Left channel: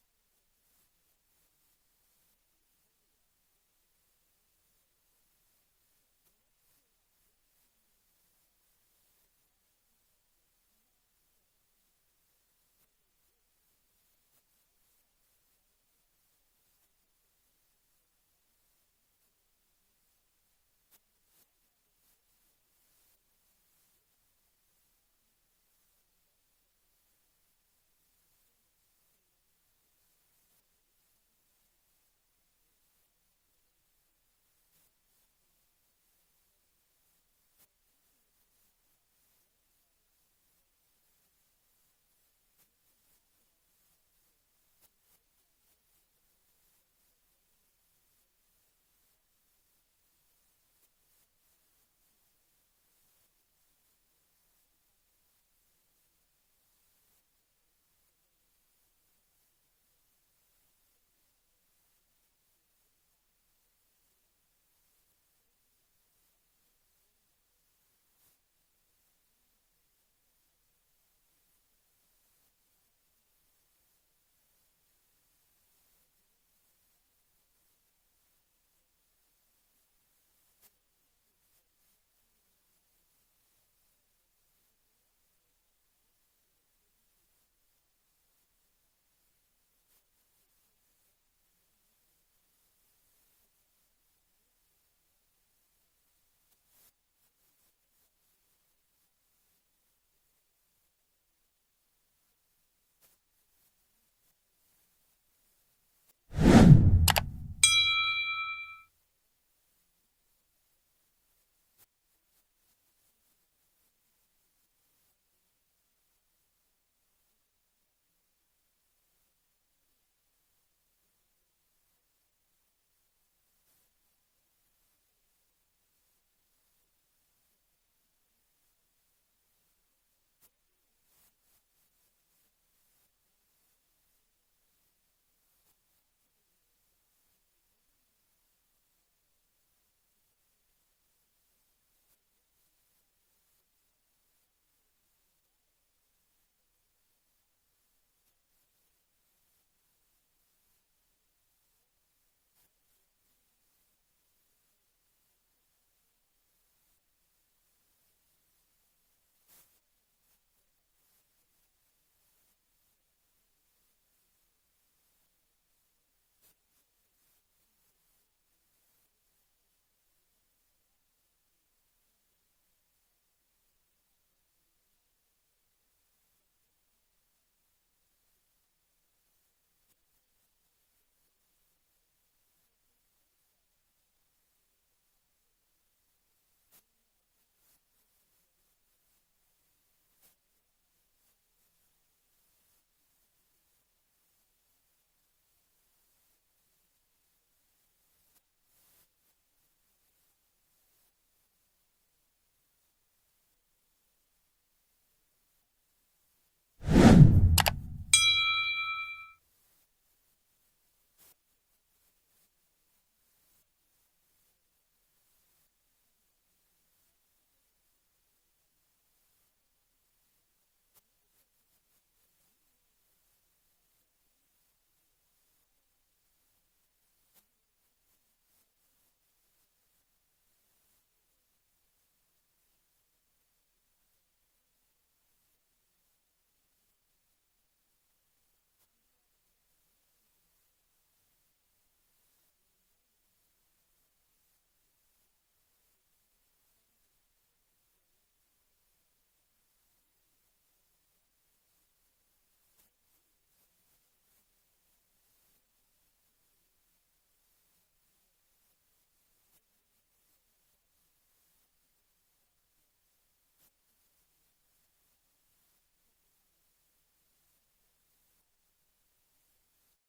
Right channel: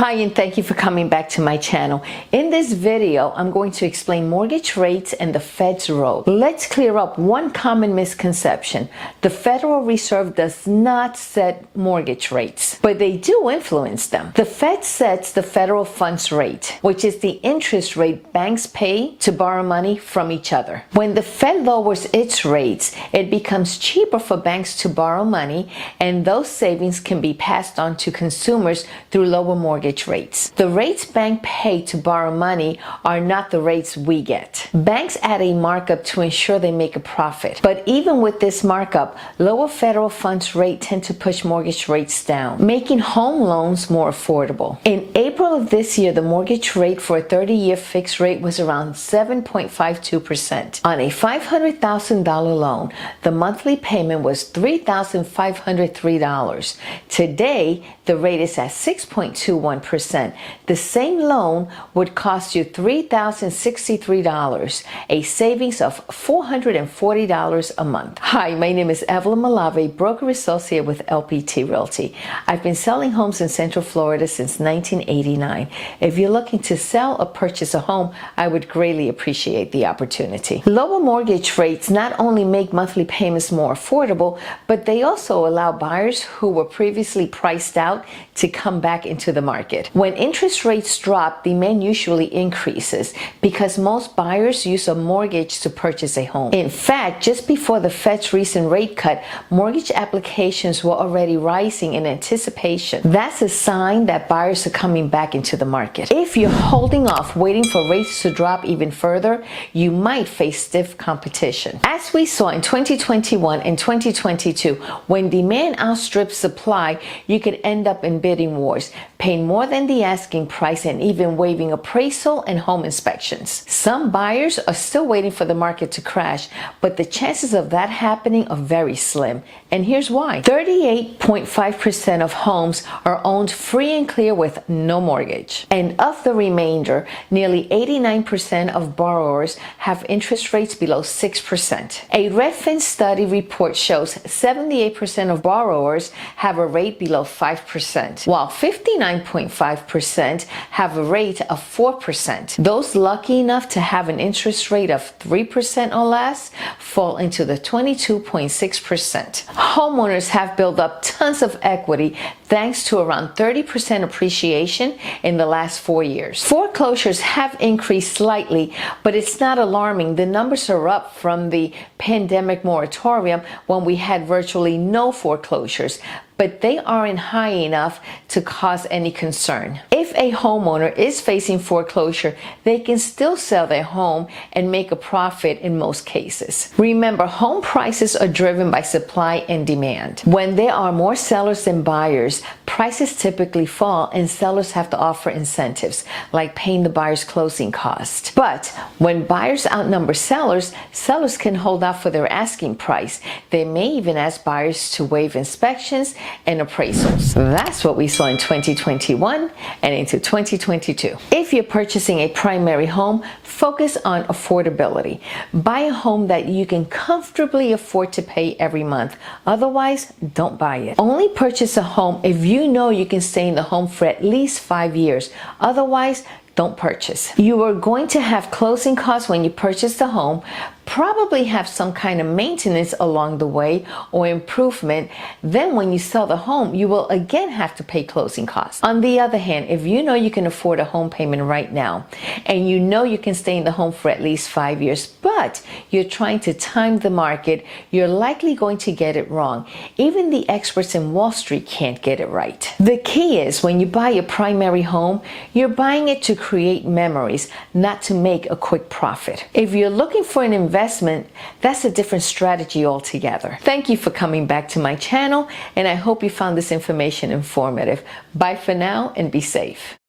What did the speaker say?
Hi, and thank you for coming back to my channel. In this video, I'm going to explain mortgage rates and the Fed's role. Let's clear up one common misconception. The Federal Reserve does not set mortgage rates, but they do influence them. The Fed sets the federal funds rate, which is the interest rate banks pay to borrow money from each other. When the Fed lowers its rates, it becomes cheaper for banks to borrow money, and those savings can be passed on to consumers through lower mortgage rates. The rates banks pay to borrow money are not the rates we get. Banks add a markup to ensure they make a profit. But even with this markup, lower federal funds rate tend to push mortgage rates down, making home loans more affordable. In April of this year, the mortgage rate for a 30-year fixed rate was around 7.52%. On a $500,000 loan, the monthly payment was $3,503. Today, the rate is at 6.21%. The same loan would cost you $3,063, a savings of $440 a month. Hi, my name is Evelyn Malave, broker associate with LPT Realty. I've been selling homes in Central Florida since 1989. If you're looking to sell or purchase a home, I would greatly appreciate the opportunity. Lower mortgage rates not only make monthly payments more affordable, but they also allow buyers who were previously priced out to come back into the market. When interest rates drop, demand usually increases because most buyers use a mortgage to purchase a home. In fact, just before the Fed's recent rate cut, mortgage applications were already rising in anticipation. That's a sign that buyers are coming back into the market. If you're holding off, waiting for rates to drop even further, you might face stiff competition. As we saw in 2021 and 2022, when demand outstrips supply, you could end up in bidding wars, paying more than the asking price and even waiving appraisal and home inspections. Some buyers are still waiting for the market to crash, but the chances of that happening are very slim. And here's why. 38.5% of homes are owned free and clear with no mortgage. And of the remainder, nearly 89% of borrowers have interest rates below 6%. A Redfin study report shows 78% of borrowers have a rate below 5%, while 59.5% have a rate of 4%. Those lucky enough to have an interest rate of 3% or less fall into the 22.6%. Homeowners have built up tons of equity thanks to around 30% appreciation in the last 4 years. Foreclosures have increased slightly, but it's not alarming. The numbers are up from the pandemic moratorium when we had virtually no foreclosures, but they aren't high enough to cause any concern. If a homeowner is facing foreclosure, they can still sell their home and make a profit in most cases. Remember, home prices are driven by supply and demand. When there are more sellers than buyers, prices typically fall and sellers have to offer incentives, like paying the buyer's closing cost. But when buyers outnumber sellers, sellers can hold out for their asking price. They may even ask buyers to waive inspections and appraisals. That's what we saw in 2021 and into 2022. If you're purchasing a primary home, focus on affordability. Buy a home that you can comfortably afford to pay every month. Otherwise, don't buy it. Only purchase a home if you know you can stay in the home for at least 5 years. Otherwise, don't purchase. You are going to have closing costs when you purchase the home, probably have some kind of maintenance along the way or improvement. Then when you sell the home, you will again have to pay closing costs. On the other hand, if you know you can afford a home payment right now and you know you can stay in the home for at least 5 years, but you're trying to time the market, you're likely going to get it wrong. Even the experts in Wall Street can't get it right. The key is when you buy a primary home, you're buying it to create memories, not to make a quick profit. If you're looking for an investment, that's a different strategy altogether. Thank you for coming back to my channel, and I hope you found this information informative. Bye for now and be safe.